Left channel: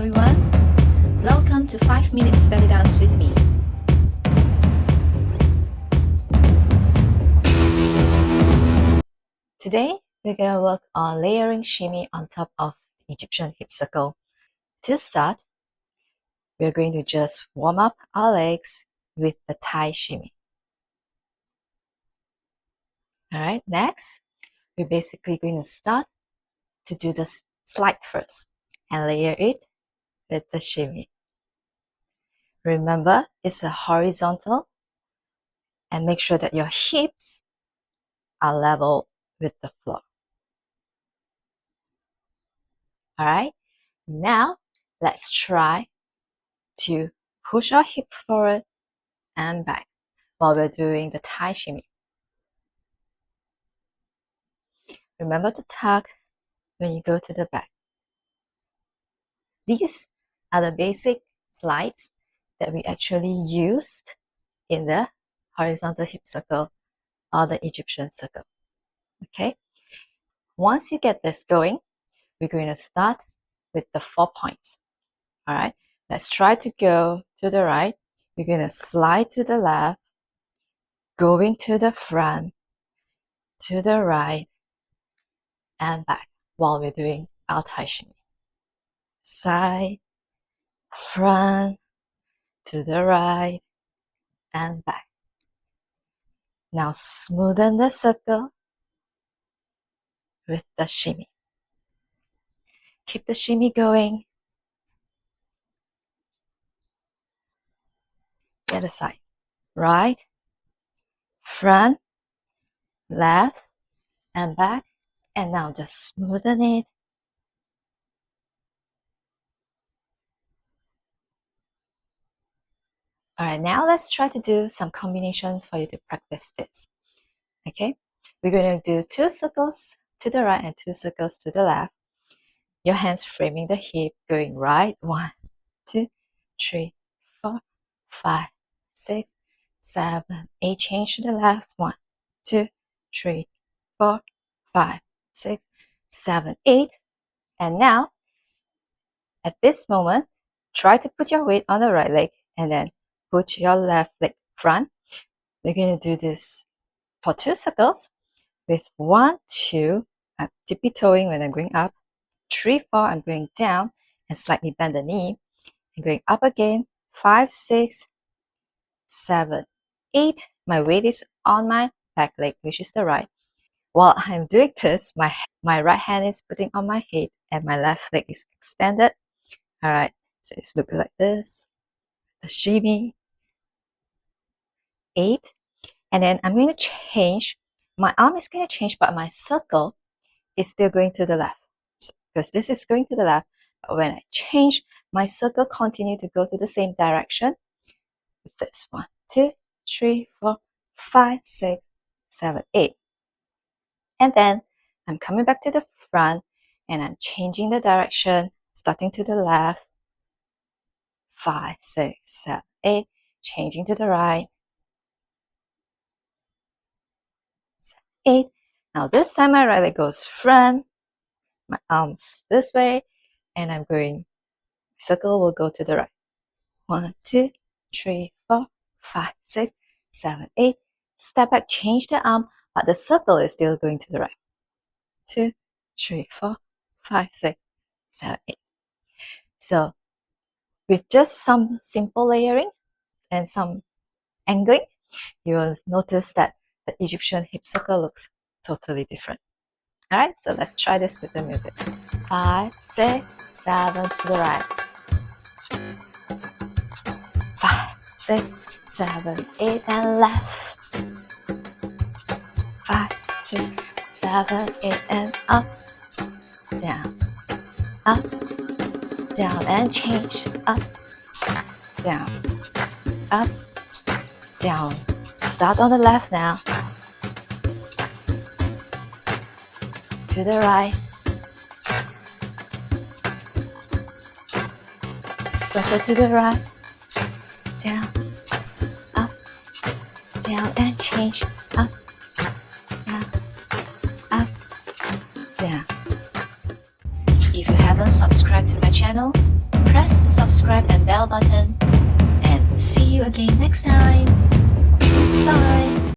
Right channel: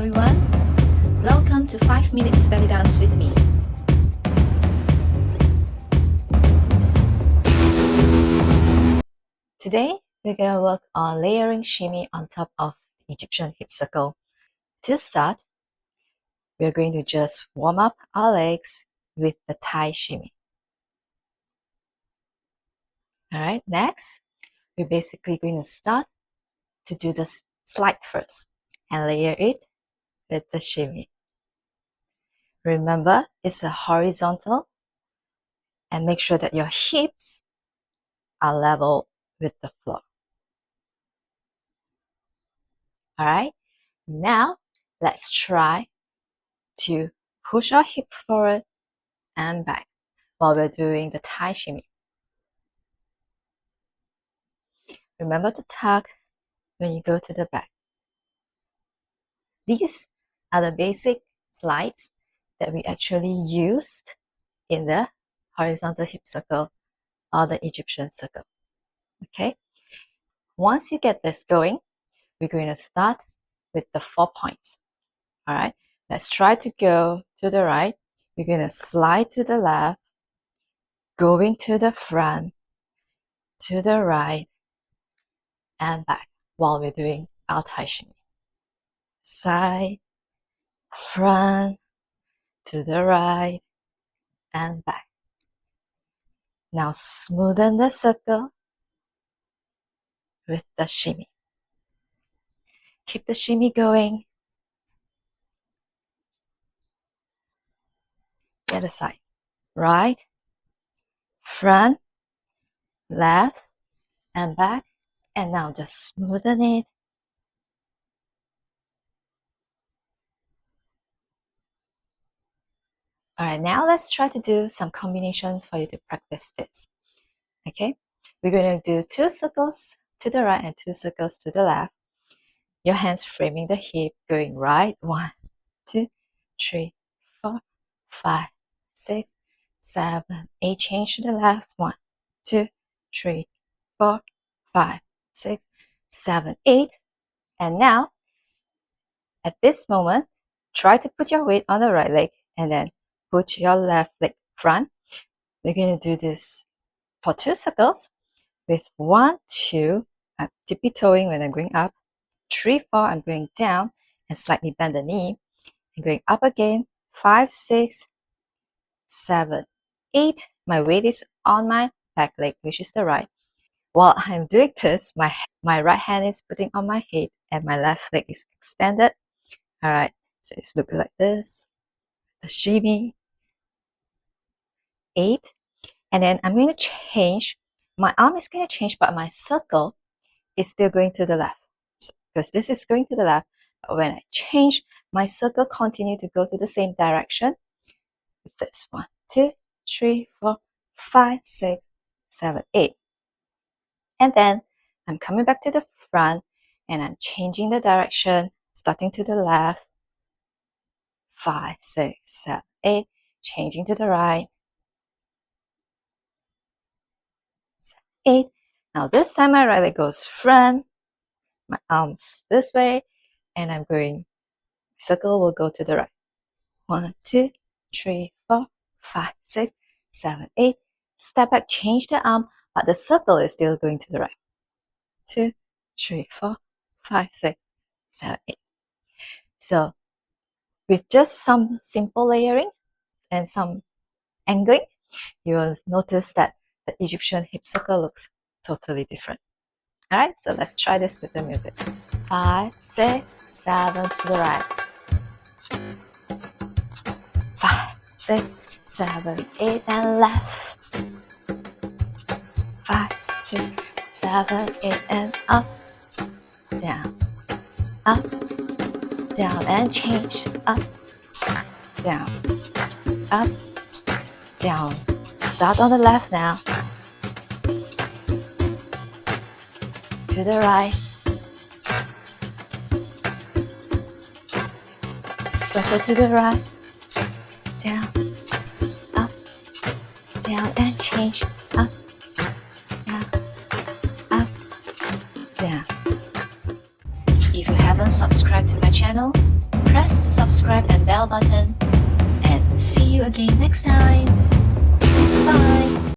everyone. Welcome to 5 Minutes Belly Dance with me. Today, we're going to work on layering shimmy on top of the Egyptian hip circle. To start, we're going to just warm up our legs with the Thai shimmy. Alright, next, we're basically going to start to do the slide first and layer it with the shimmy. Remember, it's a horizontal, and make sure that your hips are level with the floor. Alright, now let's try to push our hip forward and back while we're doing the Thai shimmy. Remember to tuck when you go to the back. These are the basic slides that we actually used in the horizontal hip circle or the Egyptian circle. Okay, once you get this going, we're going to start with the 4 points. All right, let's try to go to the right. We're going to slide to the left, going to the front, to the right, and back while we're doing our Thai shimmy. Side, front, to the right, and back. Now smoothen the circle with the shimmy. Keep the shimmy going. The other side. Right, front, left, and back. And now just smoothen it. Alright, now let's try to do some combination for you to practice this. Okay, we're going to do 2 circles to the right and 2 circles to the left. Your hands framing the hip, going right. 1, 2, 3, 4, 5, 6, 7, 8. Change to the left. 1, 2, 3, 4, 5, 6, 7, 8. And now, at this moment, try to put your weight on the right leg and then put your left leg front. We're going to do this for 2 circles with 1, 2. I'm tippy toeing when I'm going up. 3, 4. I'm going down and slightly bend the knee. And going up again. 5, 6, 7, 8. My weight is on my back leg, which is the right. While I'm doing this, my right hand is putting on my head and my left leg is extended. Alright, so it's looking like this. The shimmy. 8. And then I'm going to change. My arm is going to change, but my circle is still going to the left. So, because this is going to the left, but when I change, my circle continue to go to the same direction. This 1, 2, 3, 4, 5, 6, 7, 8. And then I'm coming back to the front and I'm changing the direction, starting to the left. 5, 6, 7, 8. Changing to the right. 8. Now this time my right leg goes front, my arms this way, and I'm going. Circle will go to the right. 1, 2, 3, 4, 5, 6, 7, 8. Step back, change the arm, but the circle is still going to the right. 2, 3, 4, 5, 6, 7, 8. So with just some simple layering and some angling, you will notice that the Egyptian hip circle looks totally different. Alright, so let's try this with the music. 5, 6, 7 to the right. 5, 6, 7, 8 and left. 5, 6, 7, 8 and up. Down, up, down and change. Up, down, up, down. Start on the left now. To the right. Circle to the right. Down, up, down and change. Up, down, up, down. If you haven't subscribed to my channel, press the subscribe and bell button. And see you again next time.